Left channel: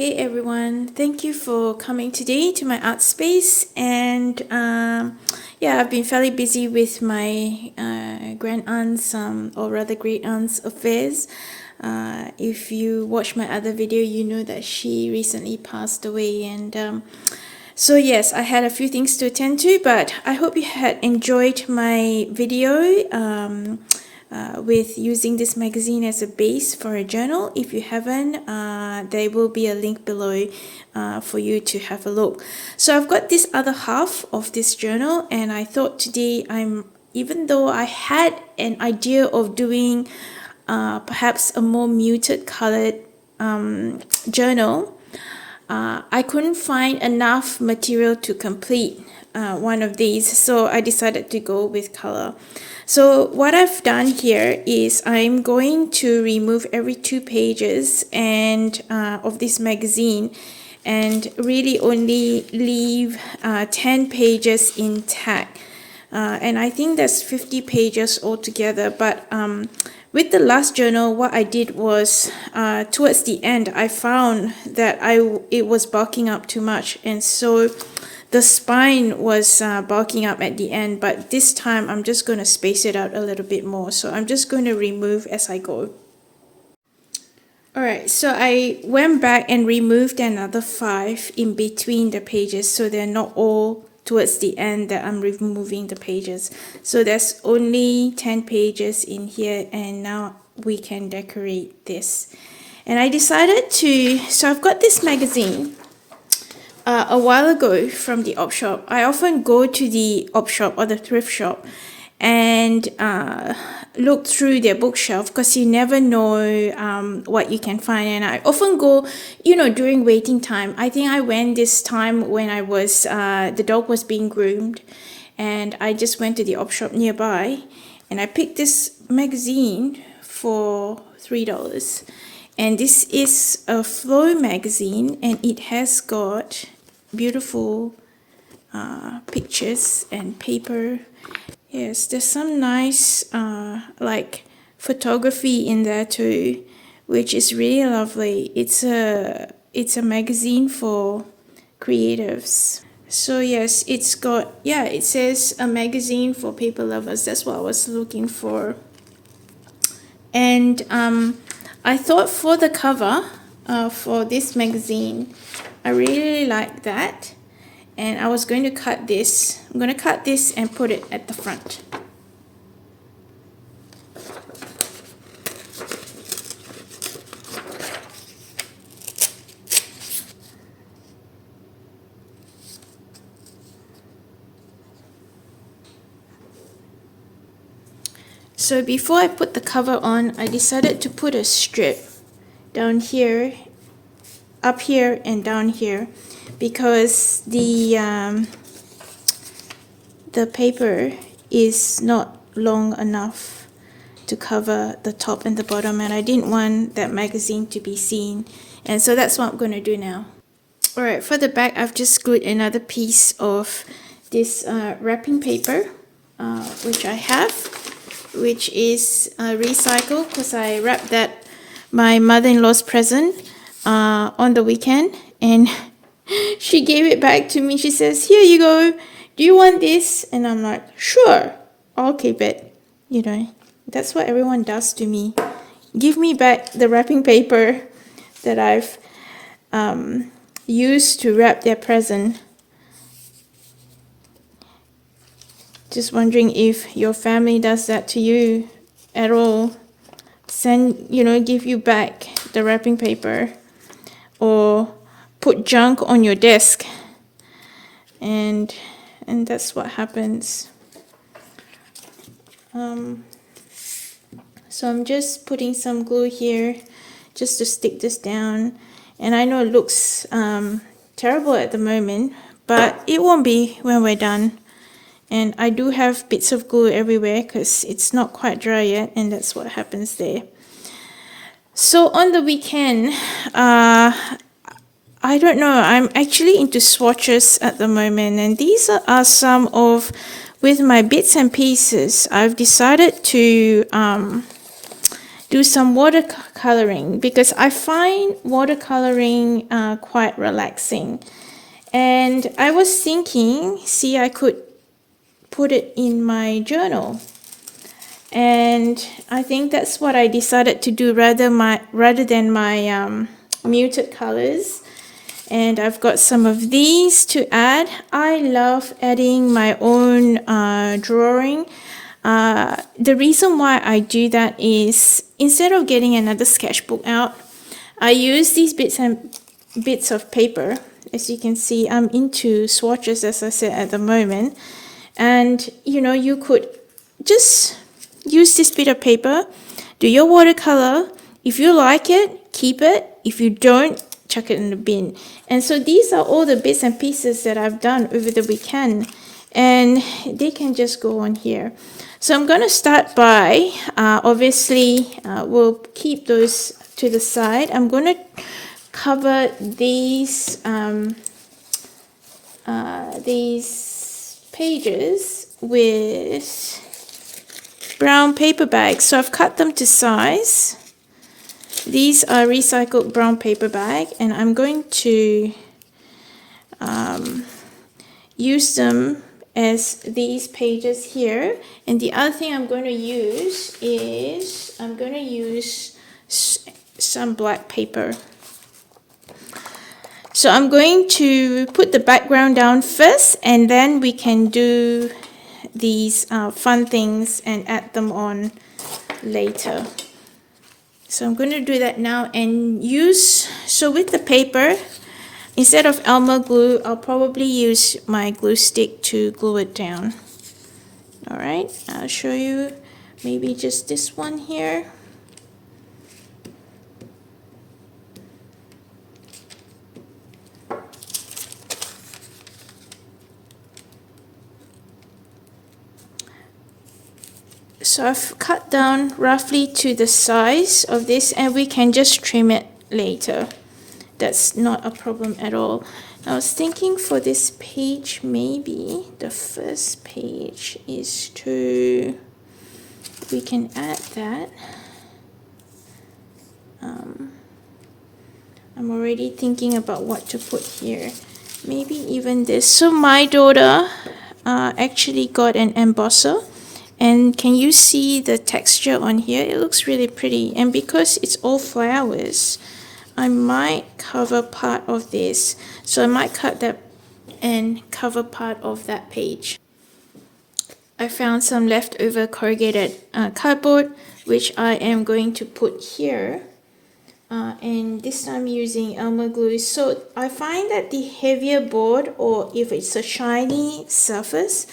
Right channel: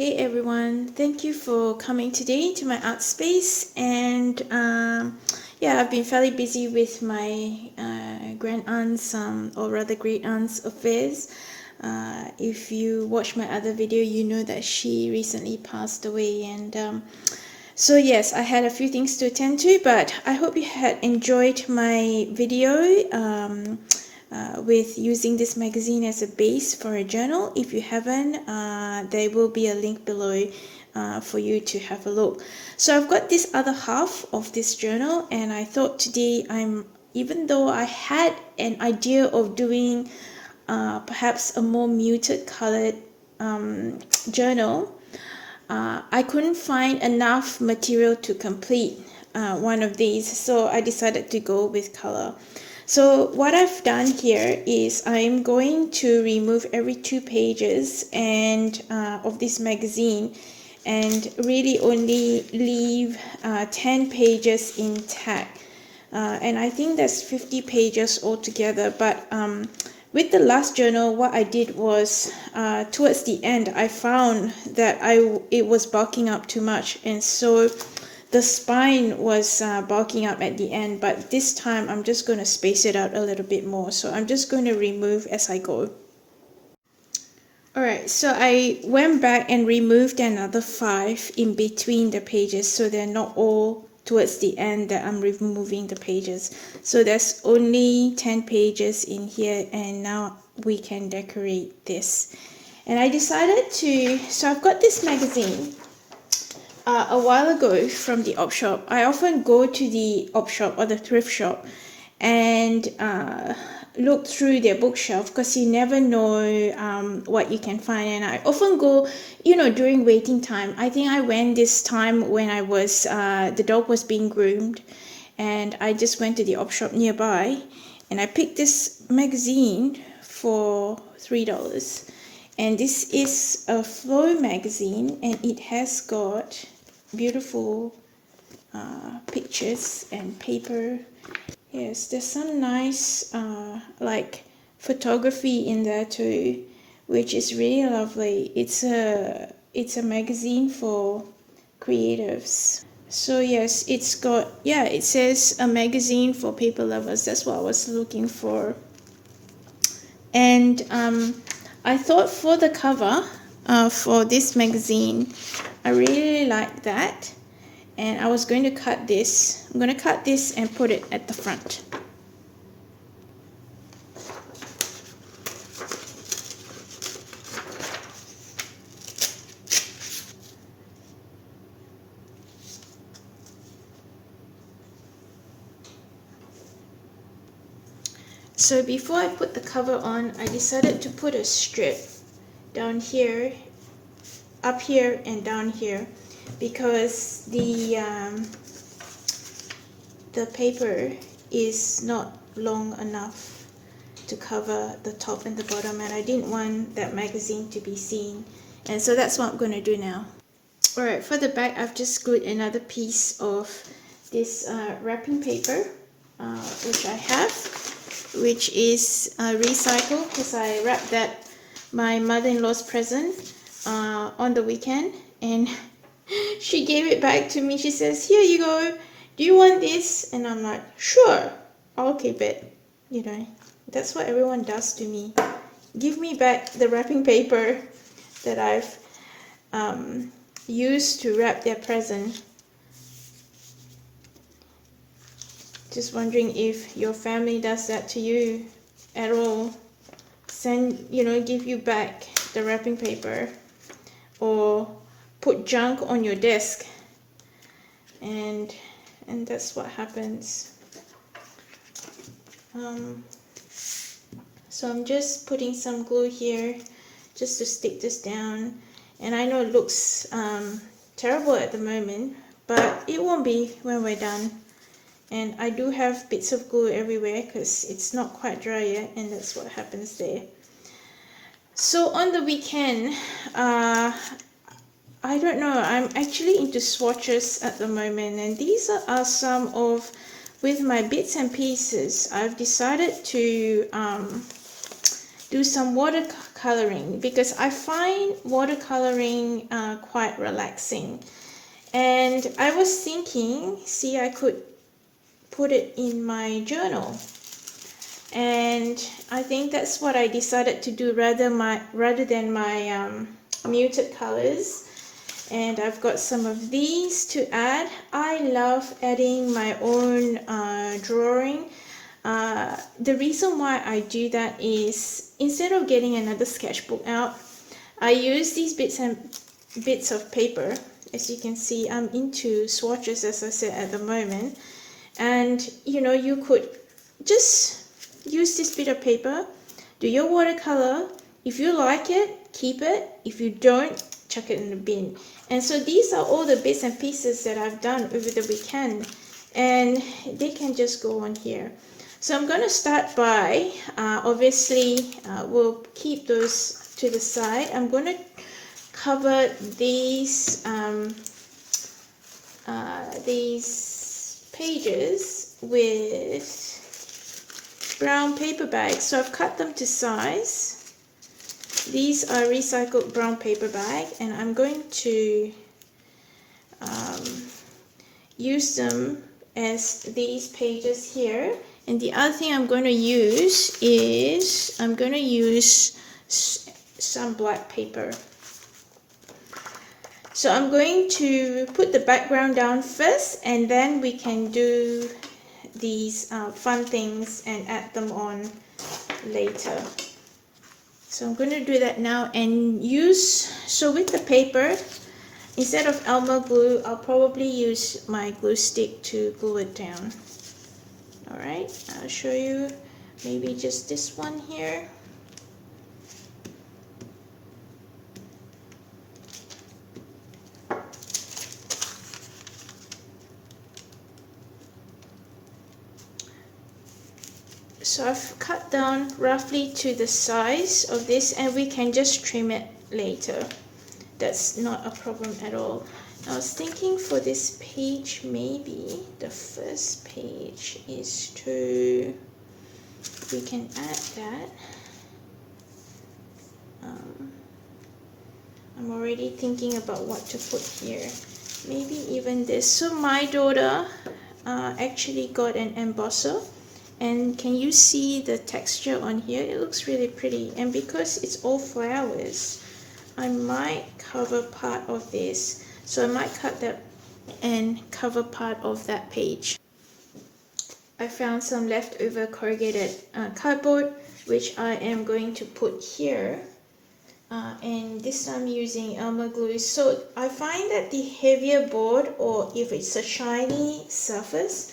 Hey everyone, thank you for coming today to my art space. And yeah, I've been fairly busy with my grand aunt's or rather great aunt's affairs. If you watch my other video, you know that she recently passed away, and so yes, I had a few things to attend to, but I hope you had enjoyed my video with using this magazine as a base for a journal. If you haven't, there will be a link below for you to have a look. So I've got this other half of this journal, and I thought today even though I had an idea of doing perhaps a more muted colored journal, I couldn't find enough material to complete one of these, so I decided to go with color. So what I've done here is I'm going to remove every 2 pages and of this magazine and really only leave 10 pages intact. And I think that's 50 pages altogether, but with the last journal, what I did was towards the end, I found that it was bulking up too much, and so the spine was bulking up at the end. But this time, I'm just going to space it out a little bit more. So I'm just going to remove as I go. Alright, so I went back and removed another 5 in between the pages, so they're not all towards the end that I'm removing the pages. So there's only 10 pages in here, and now we can decorate this. And I decided so I've got this magazine a while ago from the op shop. I often go to the op shop or the thrift shop and look through their bookshelf, because you never know what you can find. And I often go, during waiting time. I think I went this time when I was the dog was being groomed, and I just went to the op shop nearby, and I picked this magazine for $3. And this is a flow magazine, and it has got beautiful pictures and paper. Yes, there's some nice like photography in there too, which is really lovely. It's a magazine for creatives. So yes, it's got, it says a magazine for paper lovers. That's what I was looking for. And I thought for the cover for this magazine, I really like that. And I was going to cut this. I'm going to cut this and put it at the front. So before I put the cover on, I decided to put a strip down here, up here, and down here, because the paper is not long enough to cover the top and the bottom, and I didn't want that magazine to be seen, and so that's what I'm going to do now. Alright, for the back, I've just glued another piece of this wrapping paper, which I have, which is recycled, because I wrapped that my mother-in-law's present on the weekend, and she gave it back to me. She says, "Here you go. Do you want this?" And I'm like, "Sure, I'll keep it." That's what everyone does to me. Give me back the wrapping paper that I've used to wrap their present. Just wondering if your family does that to you at all. Give you back the wrapping paper, or put junk on your desk, and that's what happens. So I'm just putting some glue here just to stick this down, and I know it looks terrible at the moment, but it won't be when we're done. And I do have bits of glue everywhere because it's not quite dry yet, and that's what happens there. So on the weekend, I don't know, I'm actually into swatches at the moment, and these are some of, with my bits and pieces, I've decided to do some watercolor coloring because I find watercoloring quite relaxing. And I was thinking, see, I could put it in my journal. And I think that's what I decided to do rather than my muted colors. And I've got some of these to add. I love adding my own drawing. The reason why I do that is instead of getting another sketchbook out, I use these bits of paper. As you can see, I'm into swatches, as I said, at the moment. And you know, you could just use this bit of paper, do your watercolor. If you like it, keep it. If you don't, chuck it in the bin. And so these are all the bits and pieces that I've done over the weekend, and they can just go on here. So I'm going to start by obviously we'll keep those to the side. I'm going to cover these pages with brown paper bags. So I've cut them to size. These are recycled brown paper bag, and I'm going to use them as these pages here. And the other thing I'm going to use is I'm going to use some black paper. So I'm going to put the background down first, and then we can do these fun things and add them on later. So I'm going to do that now and so with the paper, instead of Elmer glue, I'll probably use my glue stick to glue it down. Alright, I'll show you maybe just this one here. So I've cut down roughly to the size of this, and we can just trim it later. That's not a problem at all. I was thinking for this page, maybe the first page is we can add that. I'm already thinking about what to put here. Maybe even this. So my daughter actually got an embosser. And can you see the texture on here? It looks really pretty. And because it's all flowers, I might cover part of this. So I might cut that and cover part of that page. I found some leftover corrugated cardboard, which I am going to put here. And this time using Elmer glue. So I find that the heavier board, or if it's a shiny surface,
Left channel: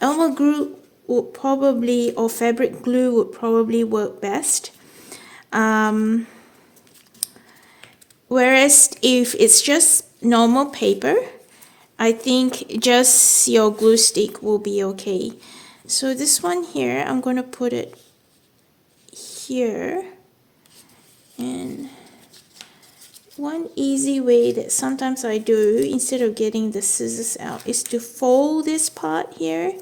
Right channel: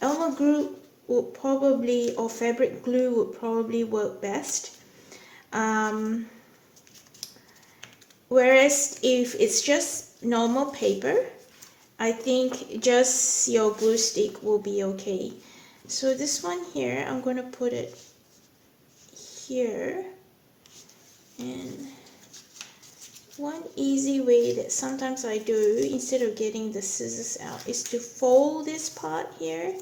Elmer glue would probably, or fabric glue would probably work best. Whereas if it's just normal paper, I think just your glue stick will be okay. So this one here, I'm going to put it here. And one easy way that sometimes I do, instead of getting the scissors out, is to fold this part here.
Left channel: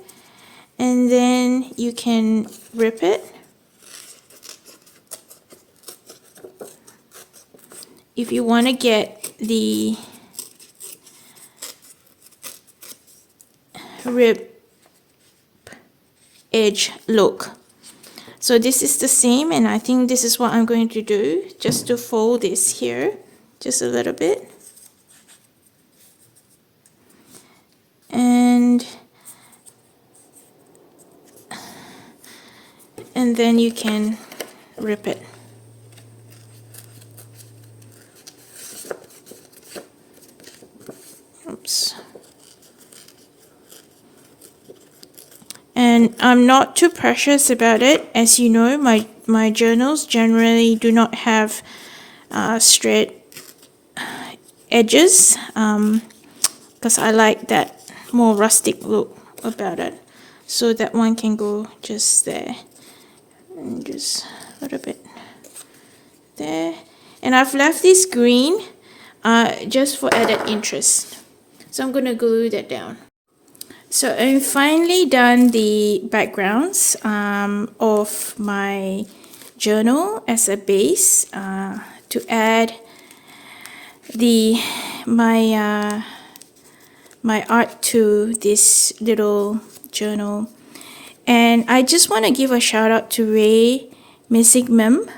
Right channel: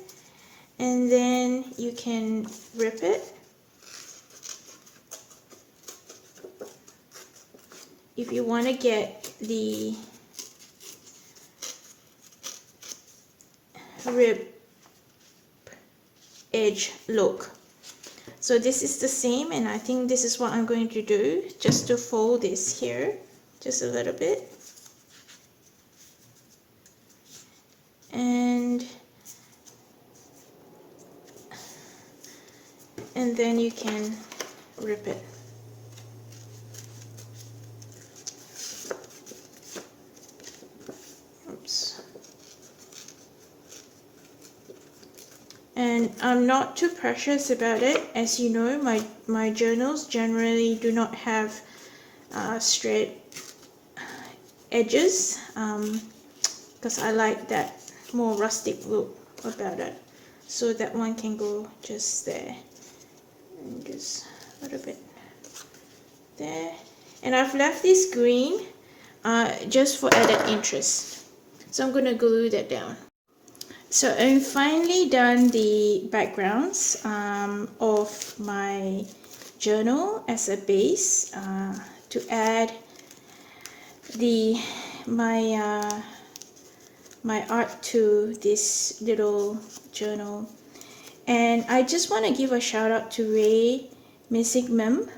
And then you can rip it. If you want to get the rib edge look. So this is the same, and I think this is what I'm going to do, just to fold this here just a little bit. And then you can rip it. Oops. And I'm not too precious about it. As you know, my journals generally do not have straight edges, because I like that more rustic look about it. So that one can go just there. And just a little bit there. And I've left this green just for added interest. So I'm going to glue that down. So I've finally done the backgrounds of my journal as a base to add the my art to this little journal. And I just want to give a shout out to Ray Misigmem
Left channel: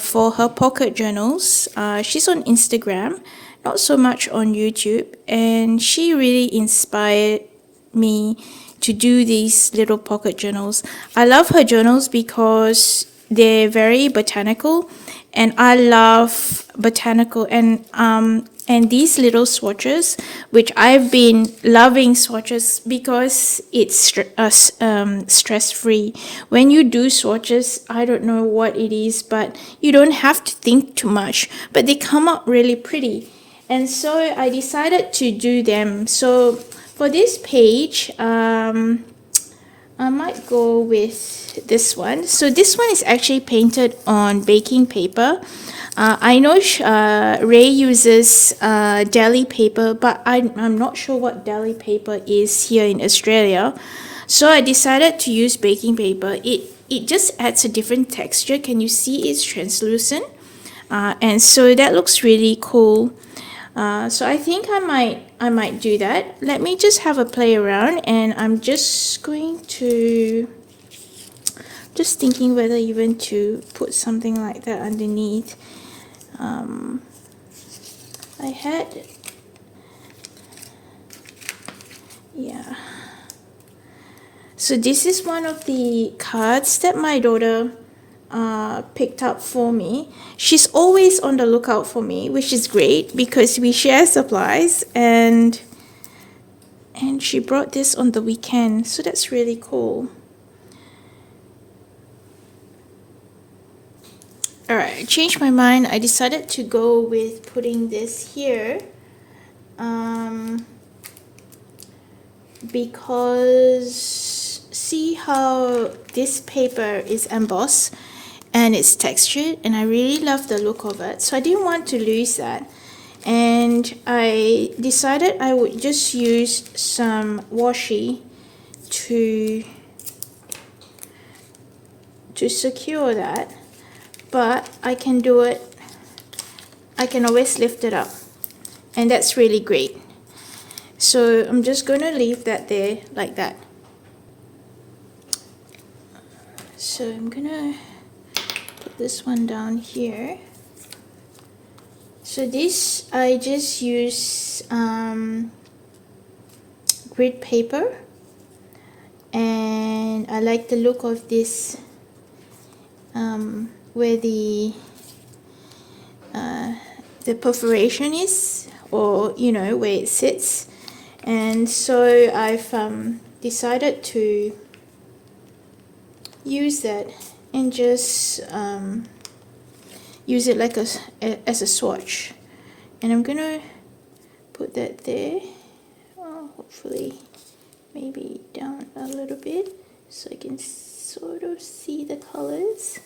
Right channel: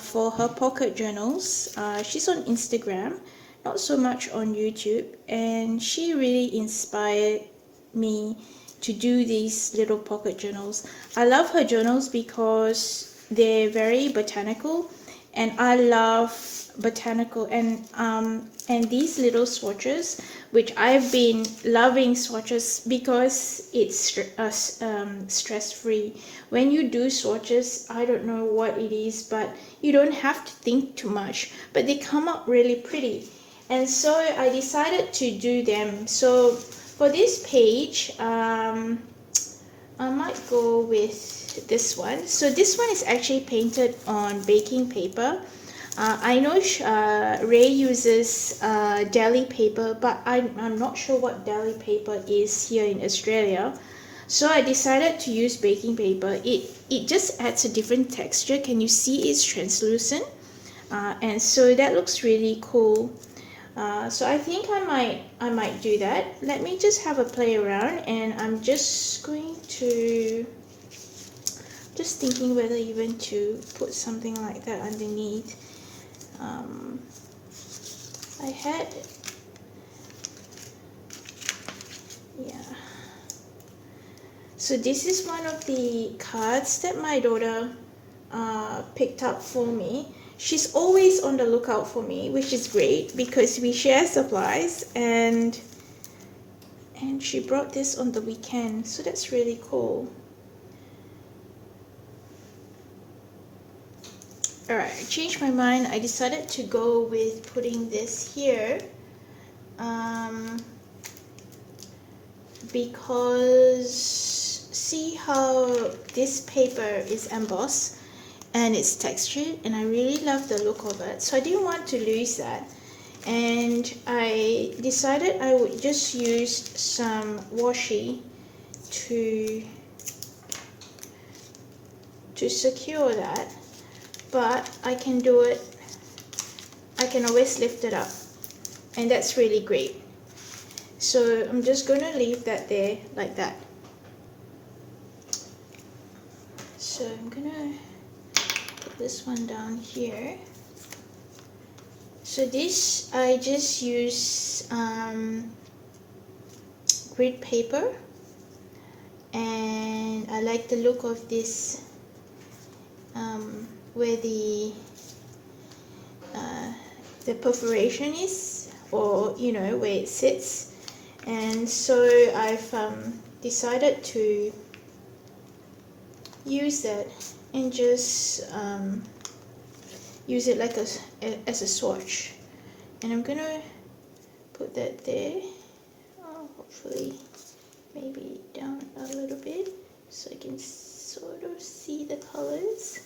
for her pocket journals. She's on Instagram, not so much on YouTube, and she really inspired me to do these little pocket journals. I love her journals because they're very botanical, and I love botanical and these little swatches, which I've been loving swatches because it's stress-free. When you do swatches, I don't know what it is, but you don't have to think too much, but they come out really pretty. And so I decided to do them. So for this page, I might go with this one. So this one is actually painted on baking paper. I know Ray uses deli paper, but I'm not sure what deli paper is here in Australia. So I decided to use baking paper. It just adds a different texture. Can you see it's translucent? And so that looks really cool. So I think I might do that. Let me just have a play around, and I'm just going to thinking whether even to put something like that underneath. I had, yeah. So this is one of the cards that my daughter picked up for me. She's always on the lookout for me, which is great because we share supplies, and she brought this on the weekend, so that's really cool. Alright, I changed my mind. I decided to go with putting this here because see how this paper is embossed and it's textured, and I really love the look of it, so I didn't want to lose that. And I decided I would just use some washi to secure that, but I can do it, I can always lift it up, and that's really great. So I'm just going to leave that there like that. So I'm going to put this one down here. So this, I just use grid paper, and I like the look of this where the perforation is, or you know, where it sits. And so I've decided to use that and just use it like as a swatch. And I'm gonna put that there, hopefully maybe down a little bit so I can sort of see the colors.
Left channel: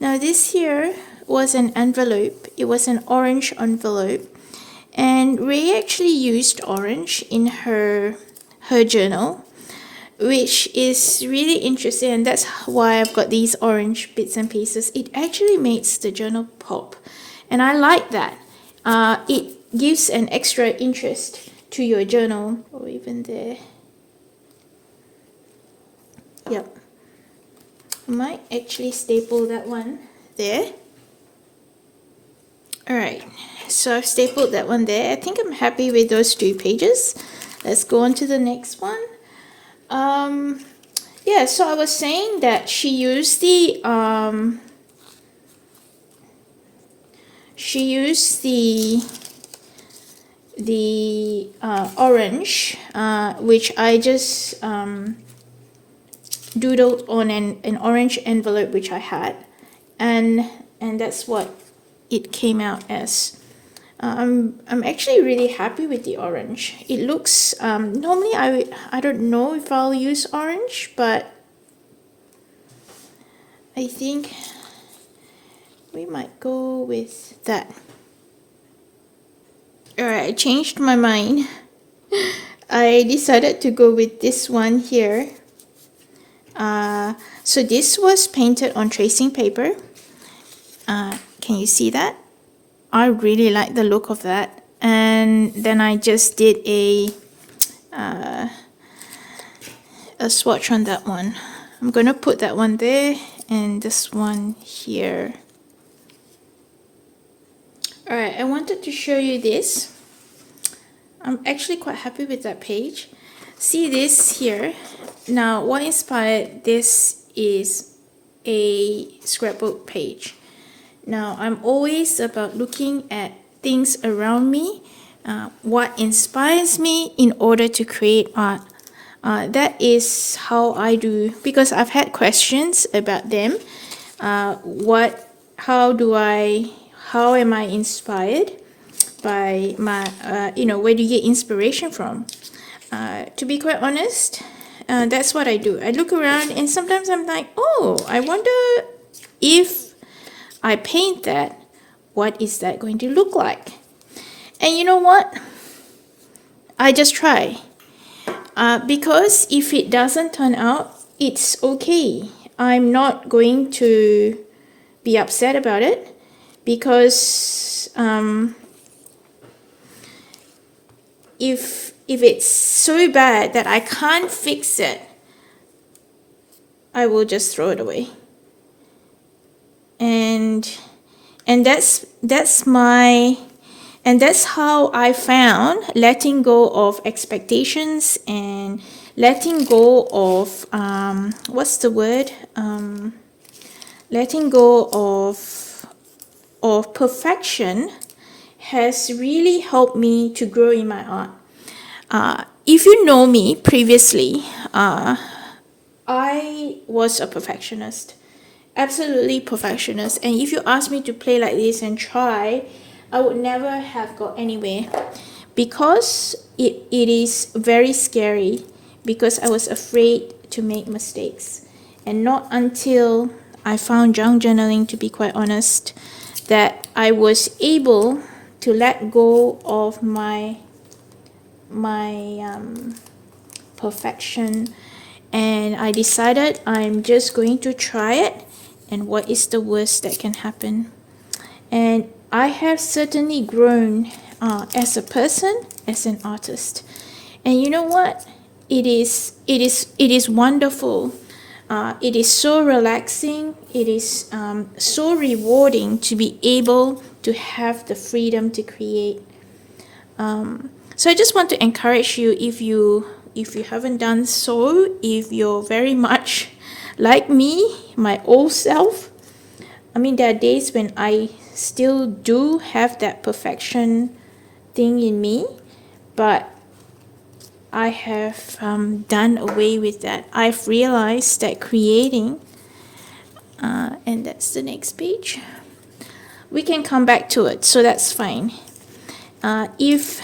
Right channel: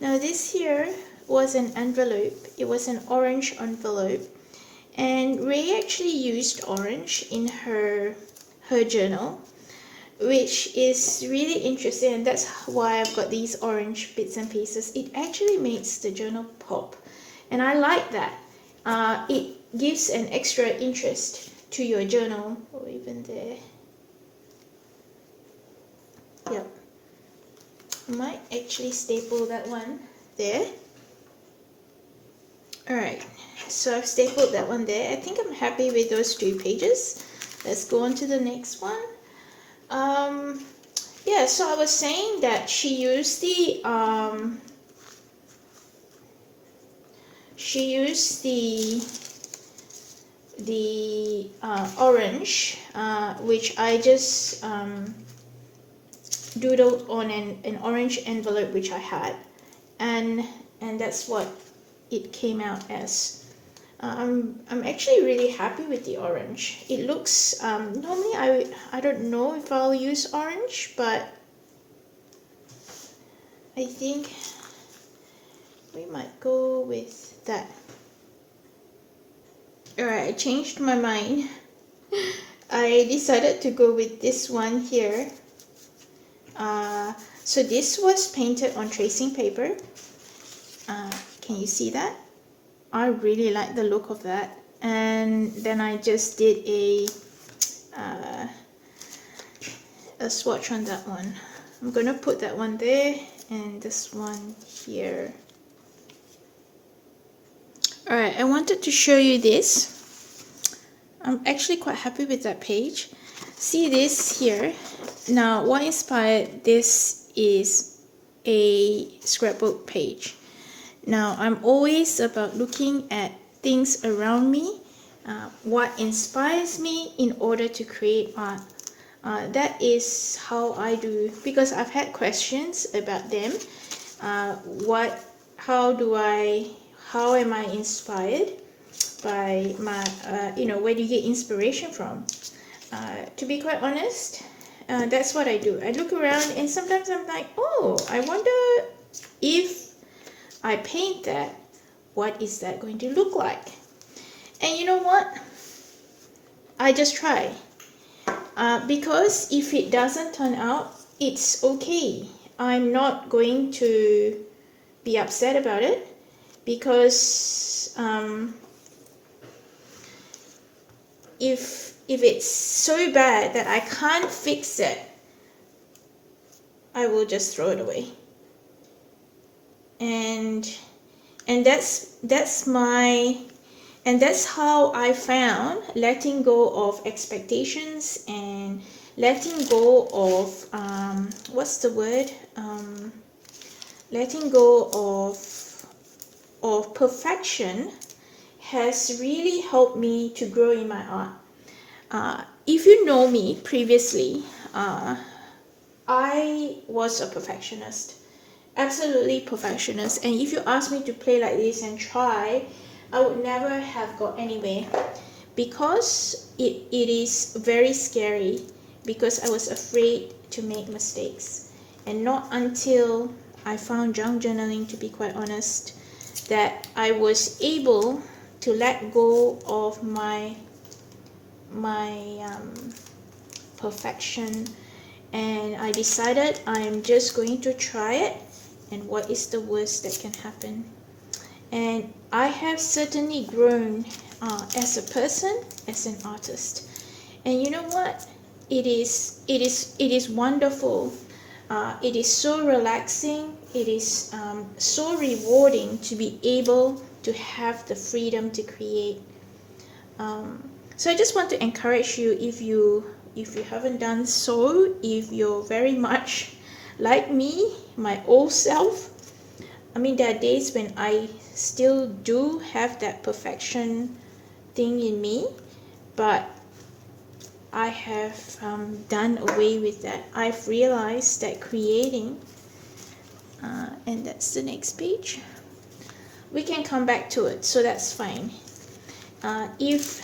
Now this here was an envelope. It was an orange envelope, and Ray actually used orange in her journal, which is really interesting, and that's why I've got these orange bits and pieces. It actually makes the journal pop, and I like that. It gives an extra interest to your journal, or even there. Yep. I might actually staple that one there. Alright, so I've stapled that one there. I think I'm happy with those 2 pages. Let's go on to the next one. Yeah, so I was saying that she used the orange, which I just doodled on an orange envelope which I had, and that's what it came out as. I'm actually really happy with the orange. It looks normally I don't know if I'll use orange, but I think we might go with that. Alright, I changed my mind. I decided to go with this one here. So this was painted on tracing paper. Can you see that? I really like the look of that. And then I just did a swatch on that one. I'm gonna put that one there and this one here. Alright, I wanted to show you this. I'm actually quite happy with that page. See this here? Now, what inspired this is a scrapbook page. Now, I'm always about looking at things around me, what inspires me in order to create art. That is how I do, because I've had questions about them. How am I inspired by my, where do you get inspiration from? To be quite honest, that's what I do. I look around and sometimes I'm like, oh, I wonder if I paint that, what is that going to look like? And you know what? I just try. Because if it doesn't turn out, it's okay. I'm not going to be upset about it, because if it's so bad that I can't fix it, I will just throw it away. And that's how I found letting go of expectations and letting go of letting go of perfection has really helped me to grow in my art. If you know me previously, I was a perfectionist, absolutely perfectionist, and if you ask me to play like this and try, I would never have got anywhere, because it is very scary, because I was afraid to make mistakes. And not until I found junk journaling, to be quite honest, that I was able to let go of my perfection, and I decided I'm just going to try it, and what is the worst that can happen? And I have certainly grown as a person, as an artist. And you know what? It is wonderful. It is so relaxing. It is so rewarding to be able to have the freedom to create. So I just want to encourage you, if you haven't done so, if you're very much like me, my old self. I mean, there are days when I still do have that perfection thing in me, but I have done away with that. I've realized that creating, and that's the next page, we can come back to it, so that's fine. If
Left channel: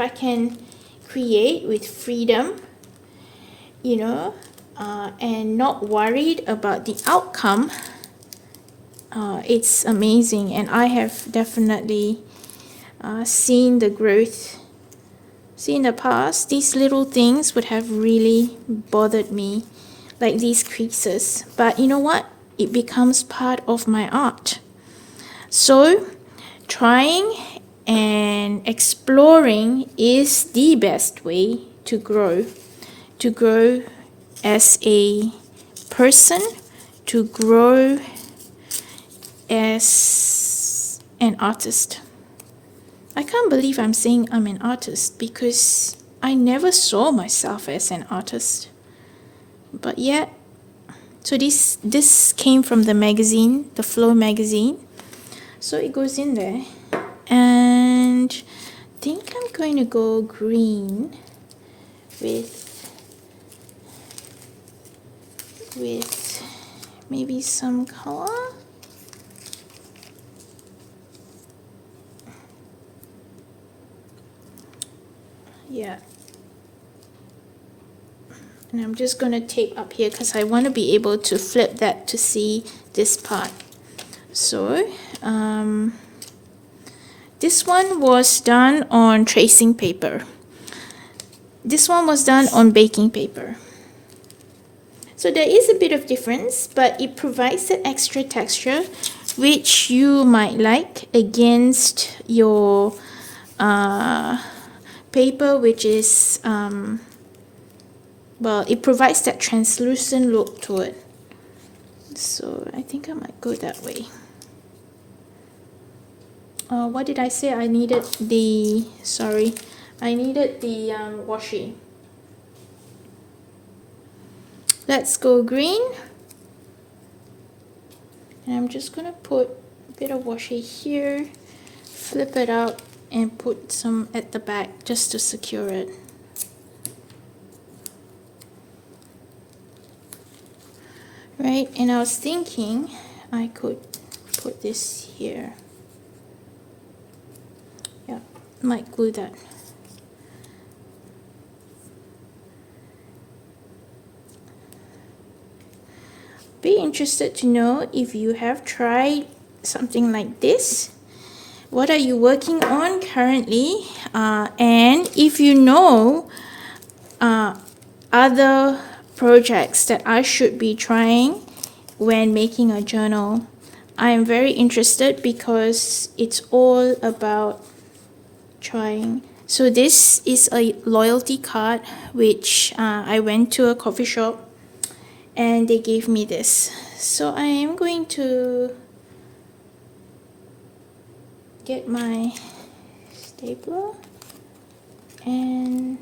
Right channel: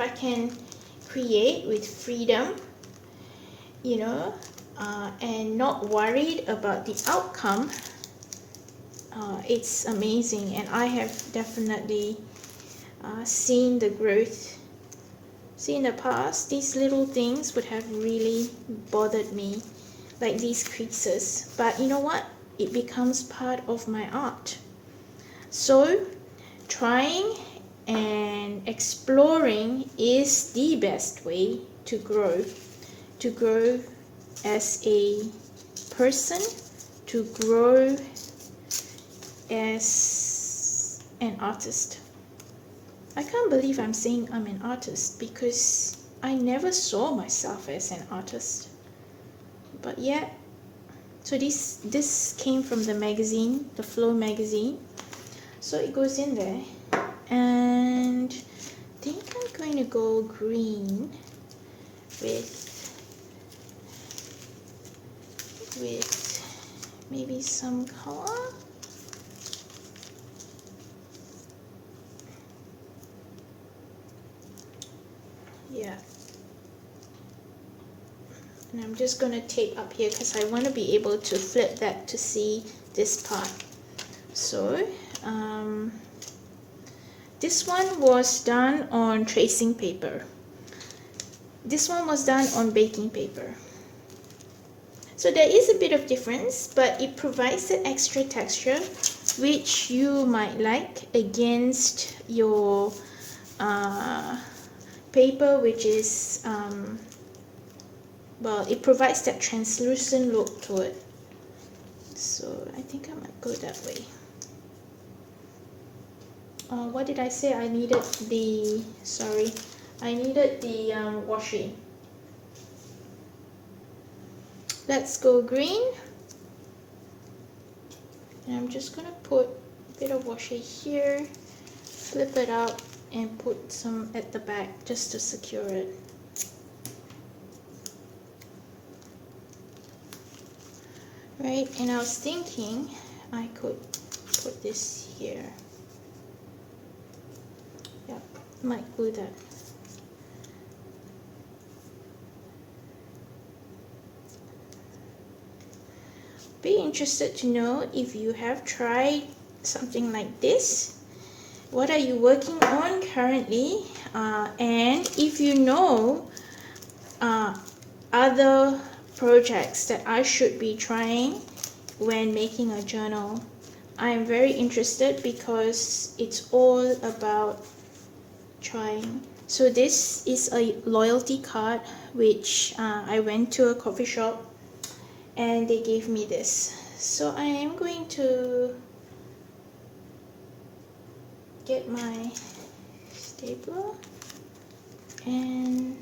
I can create with freedom, and not worried about the outcome, it's amazing. And I have definitely seen the growth. See, in the past, these little things would have really bothered me, like these creases. But you know what? It becomes part of my art. So, trying and exploring is the best way to grow as a person, to grow as an artist. I can't believe I'm saying I'm an artist, because I never saw myself as an artist. But yet, so this came from the magazine, the Flow magazine. So it goes in there. And I think I'm going to go green with maybe some color. Yeah. And I'm just going to tape up here, because I want to be able to flip that to see this part. So, this one was done on tracing paper. This one was done on baking paper. So there is a bit of difference, but it provides that extra texture which you might like against your paper, which is well, it provides that translucent look to it. So I think I might go that way. What did I say? I needed the, sorry, I needed the washi. Let's go green. And I'm just gonna put a bit of washi here, flip it up, and put some at the back just to secure it. Right, and I was thinking I could put this here. Yeah, might glue that. Be interested to know if you have tried something like this. What are you working on currently? And if you know other projects that I should be trying when making a journal, I am very interested because it's all about trying. So this is a loyalty card which I went to a coffee shop and they gave me this. So I am going to get my stapler and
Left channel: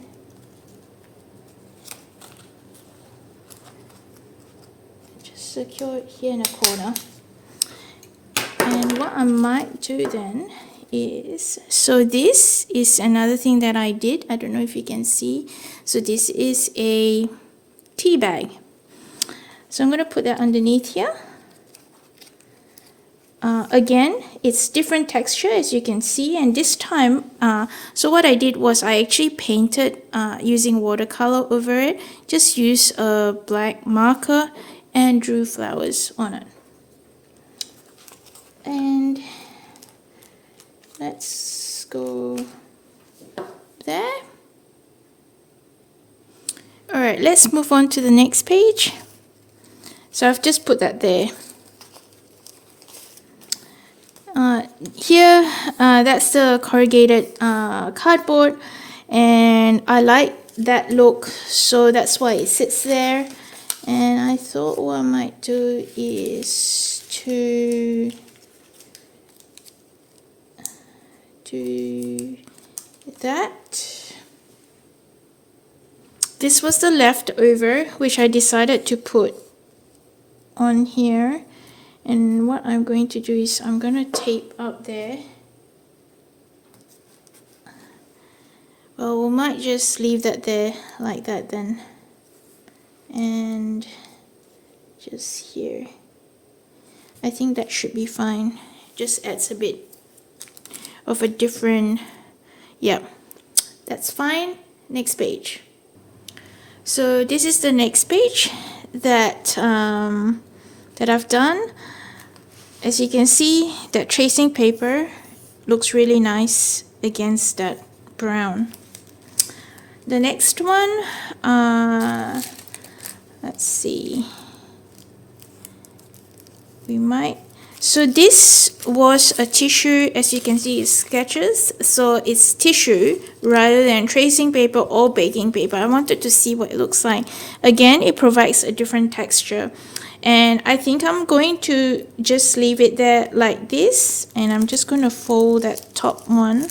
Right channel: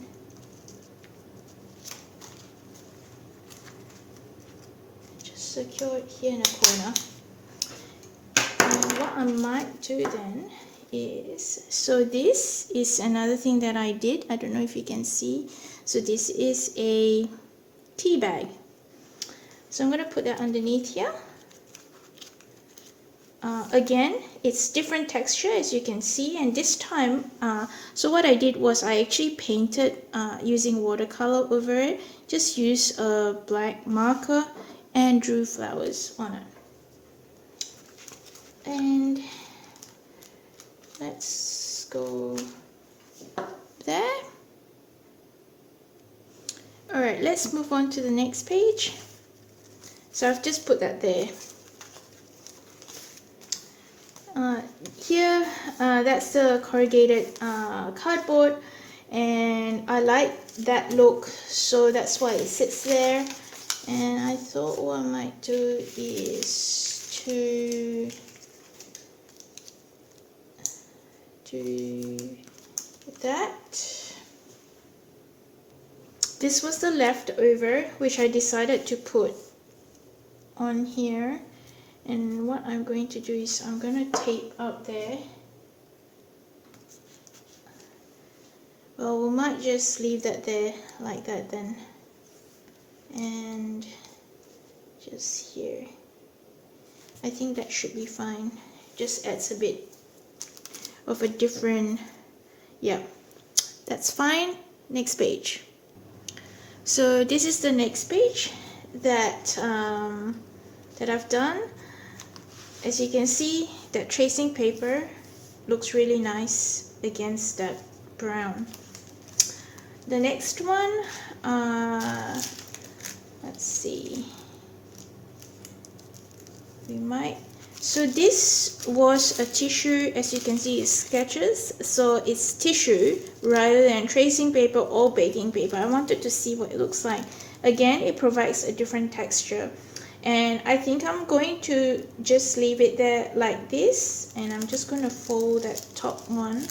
just secure it here in a corner. And what I might do then is, so this is another thing that I did. I don't know if you can see. So this is a tea bag. So I'm going to put that underneath here. Again, it's different texture as you can see, and this time, so what I did was I actually painted using watercolor over it. Just use a black marker and drew flowers on it. And let's go there. Alright, let's move on to the next page. So I've just put that there. Here, that's the corrugated cardboard, and I like that look, so that's why it sits there. And I thought what I might do is to do that. This was the leftover, which I decided to put on here. And what I'm going to do is I'm going to tape up there. Well, we might just leave that there like that then. And just here. I think that should be fine. Just adds a bit of a different, yeah, that's fine. Next page. So this is the next page that I've done. As you can see, that tracing paper looks really nice against that brown. The next one, let's see, we might, so this was a tissue, as you can see, it's sketches, so it's tissue rather than tracing paper or baking paper. I wanted to see what it looks like. Again, it provides a different texture. And I think I'm going to just leave it there like this, and I'm just going to fold that top one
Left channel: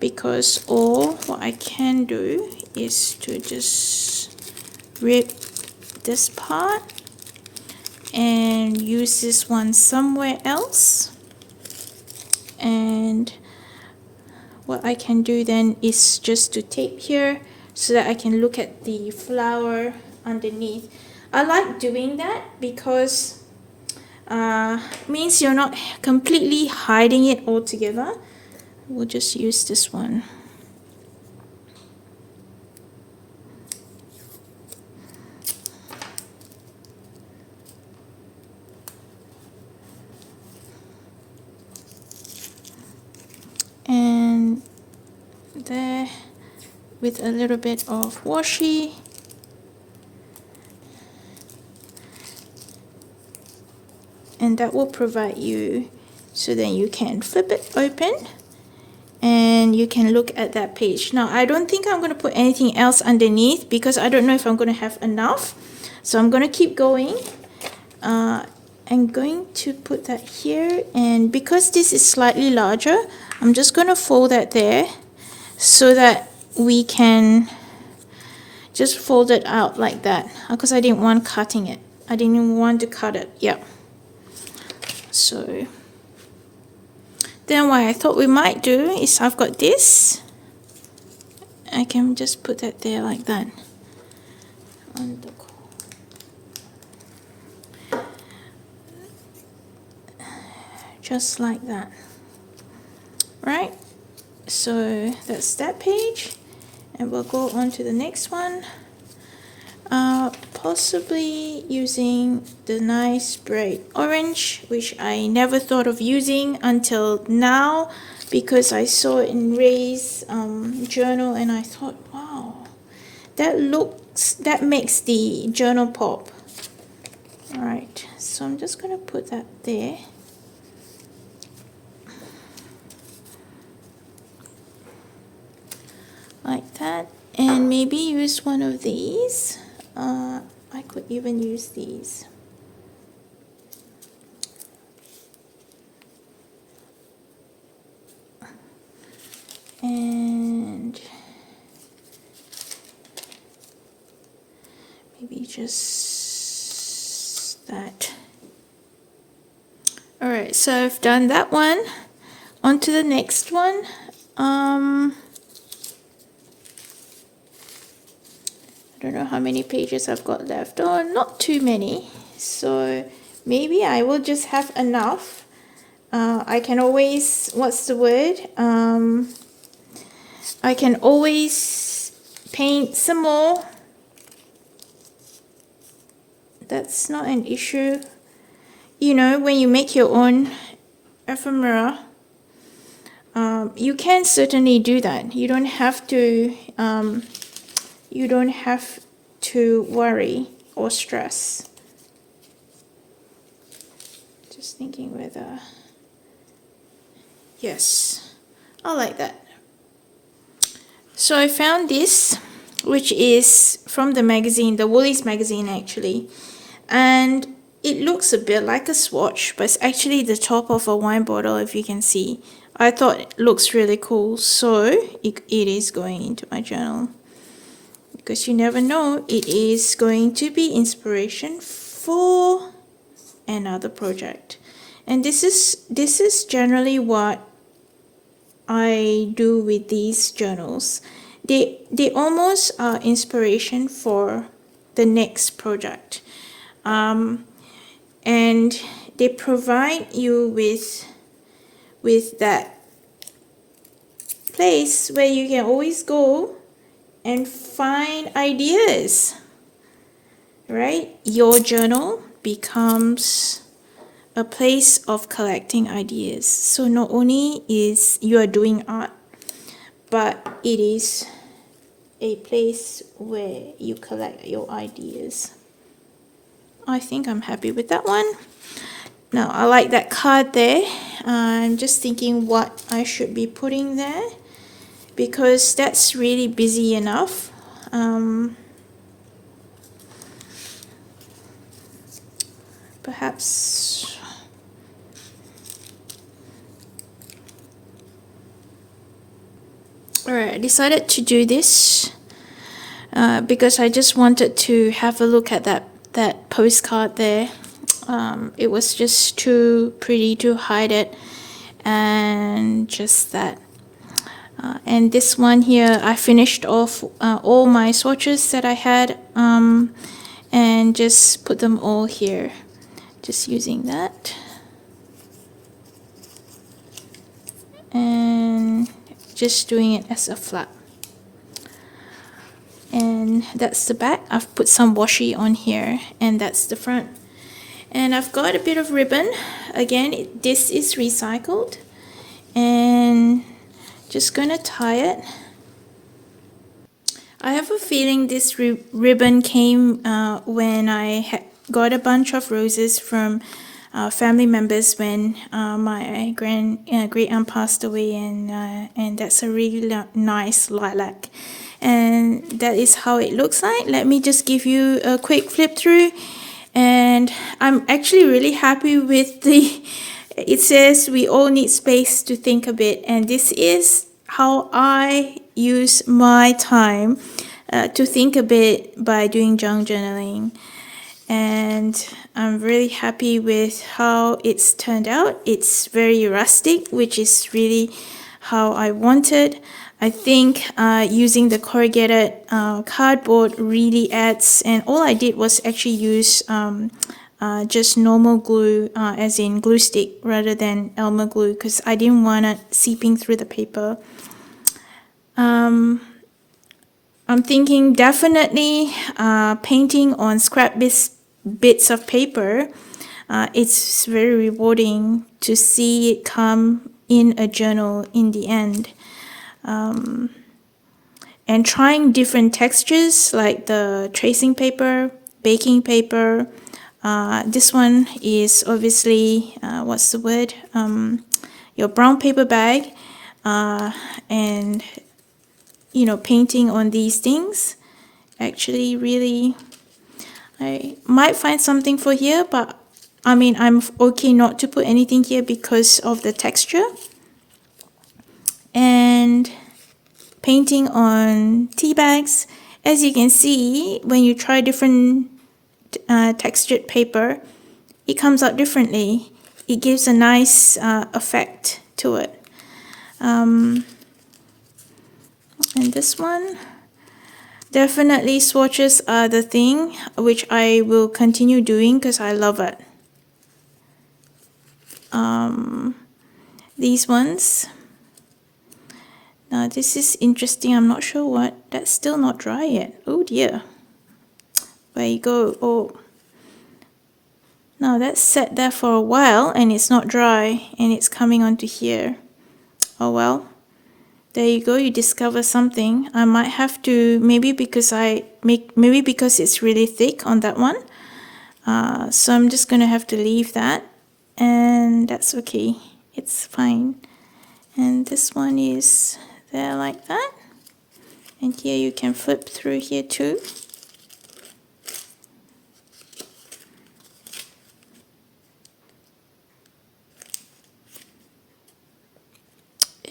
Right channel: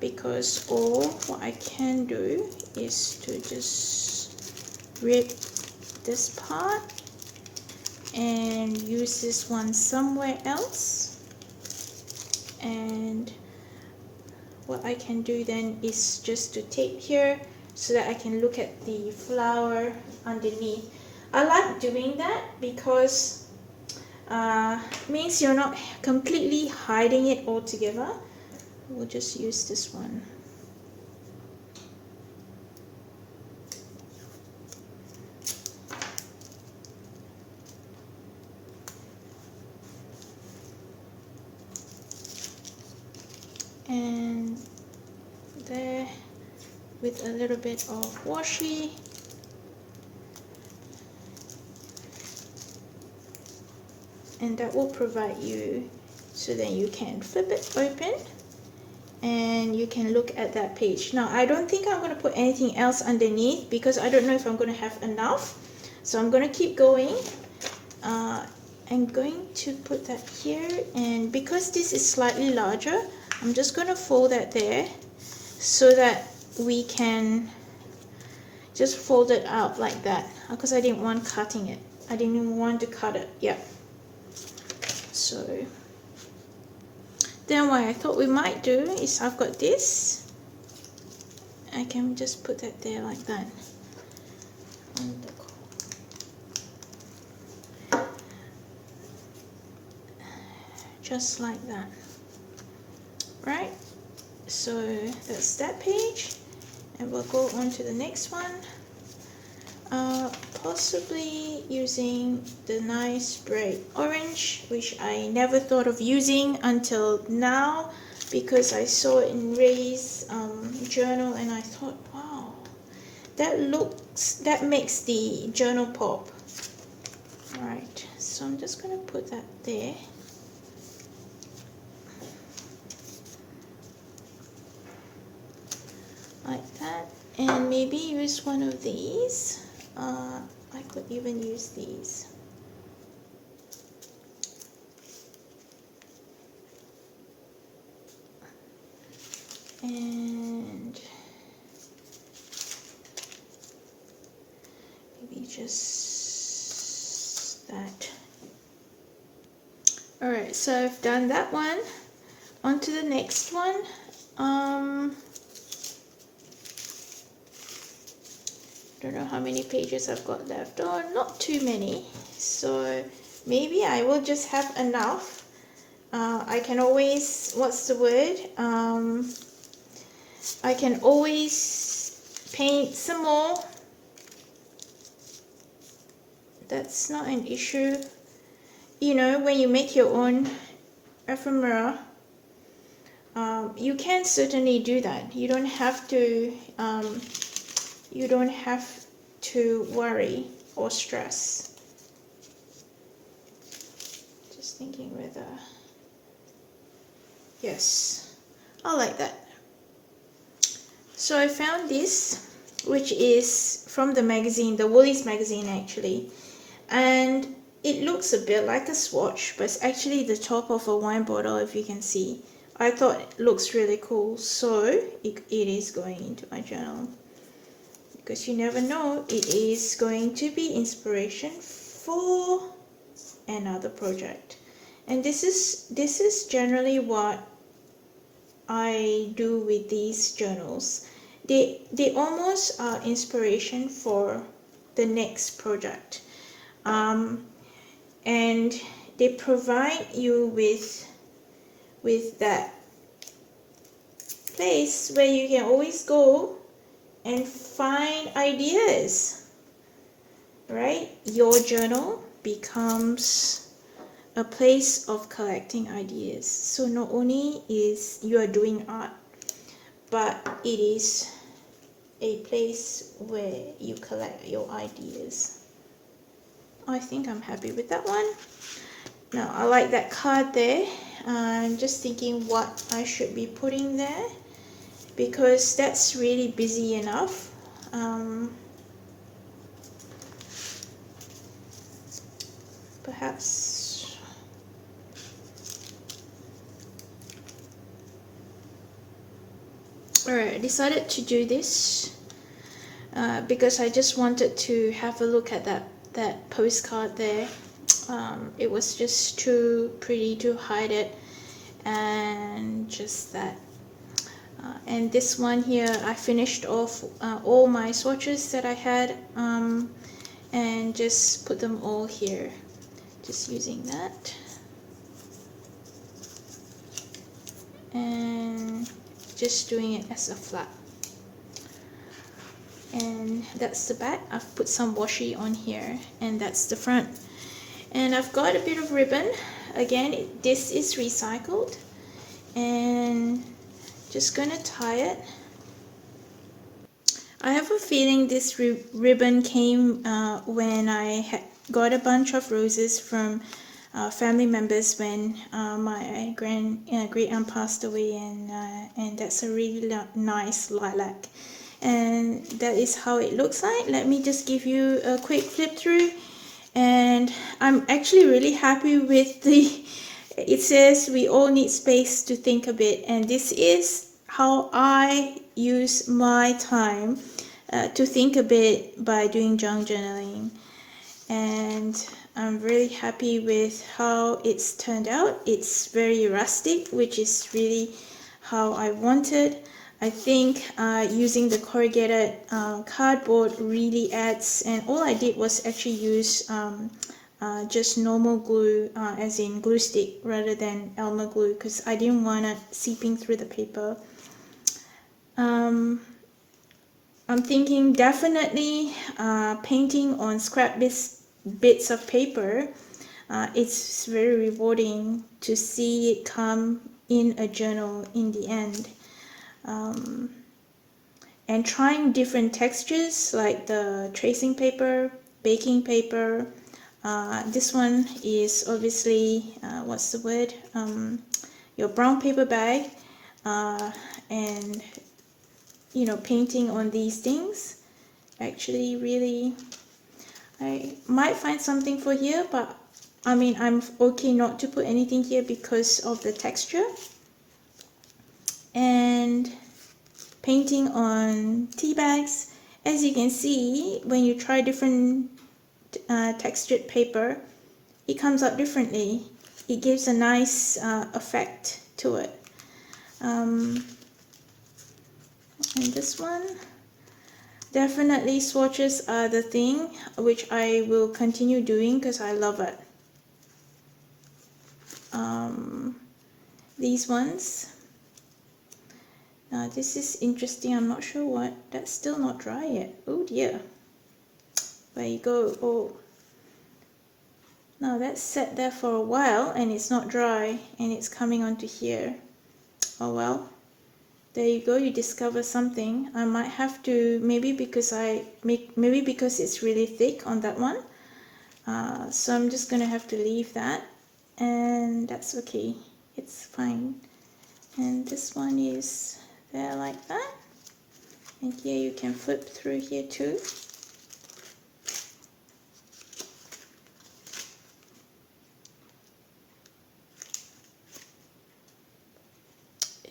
because what I can do is to just rip this part and use this one somewhere else. And what I can do then is just to tape here so that I can look at the flower underneath. I like doing that because means you're not completely hiding it altogether. We'll just use this one. And there, with a little bit of washi. And that will provide you, so then you can flip it open and you can look at that page. Now I don't think I'm going to put anything else underneath because I don't know if I'm going to have enough, so I'm going to keep going. I'm going to put that here, and because this is slightly larger, I'm just going to fold that there so that we can just fold it out like that, because I didn't want cutting it. I didn't want to cut it. Yeah. So then what I thought we might do is, I've got this, I can just put that there like that. Just like that. Right? So that's that page, and we'll go on to the next one. Possibly using the nice bright orange, which I never thought of using until now, because I saw it in Ray's journal and I thought, wow, that makes the journal pop. Alright, so I'm just going to put that there. Like that, and maybe use one of these. I could even use these. And maybe just that. Alright, so I've done that one. On to the next one. I don't know how many pages I've got left. Oh, not too many. So maybe I will just have enough. I can always, what's the word? I can always paint some more. That's not an issue. You know, when you make your own ephemera, you can certainly do that. You don't have to. You don't have to worry or stress. Just thinking whether. Yes, I like that. So I found this, which is from the magazine, the Woolies magazine actually, and it looks a bit like a swatch, but it's actually the top of a wine bottle, if you can see. I thought it looks really cool, so it is going into my journal, because you never know, it is going to be inspiration for another project. And this is generally what I do with these journals. They almost are inspiration for the next project, and they provide you with that place where you can always go and find ideas, right? Your journal becomes a place of collecting ideas. So not only is you are doing art, but it is a place where you collect your ideas. I think I'm happy with that one. Now I like that card there. I'm just thinking what I should be putting there, because that's really busy enough. Perhaps alright, I decided to do this because I just wanted to have a look at that postcard there. It was just too pretty to hide it, and just that. And this one here, I finished off all my swatches that I had, and just put them all here, just using that. And just doing it as a flap. And that's the back. I've put some washi on here, and that's the front. And I've got a bit of ribbon. Again, this is recycled, and just gonna tie it I have a feeling this ribbon came when I got a bunch of roses from family members when my great aunt passed away, and that's a really nice lilac, and that is how it looks like. Let me just give you a quick flip through, and I'm actually really happy with the. It says we all need space to think a bit, and this is how I use my time to think a bit by doing junk journaling. And I'm really happy with how it's turned out. It's very rustic, which is really how I wanted. I think using the corrugated cardboard really adds, and all I did was actually use just normal glue, as in glue stick, rather than Elmer glue, because I didn't want it seeping through the paper. I'm thinking definitely painting on scrap bits of paper. It's very rewarding to see it come in a journal in the end. And trying different textures like the tracing paper, baking paper. This one is obviously, what's the word? Your brown paper bag. And you know, painting on these things actually really, I might find something for here, but I mean, I'm okay not to put anything here because of the texture. And painting on tea bags. As you can see, when you try different textured paper, it comes out differently. It gives a nice effect to it. And this one, definitely swatches are the thing, which I will continue doing because I love it. These ones, now this is interesting. I'm not sure what, that's still not dry yet. Oh dear, there you go. Oh, now that's sat there for a while and it's not dry and it's coming onto here. Oh well. There you go, you discover something. I might have to, maybe because it's really thick on that one. So I'm just gonna have to leave that, and that's okay. It's fine. And this one is there like that. And here you can flip through here too.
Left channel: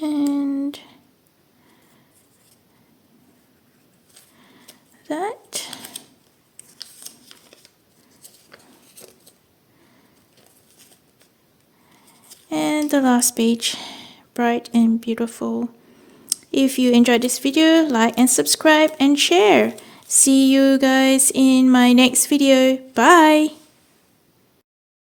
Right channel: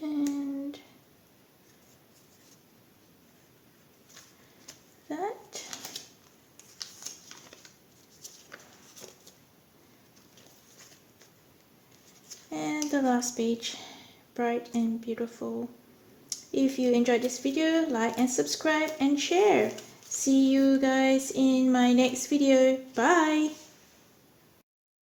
And that. And the last page, bright and beautiful. If you enjoyed this video, like and subscribe and share. See you guys in my next video. Bye!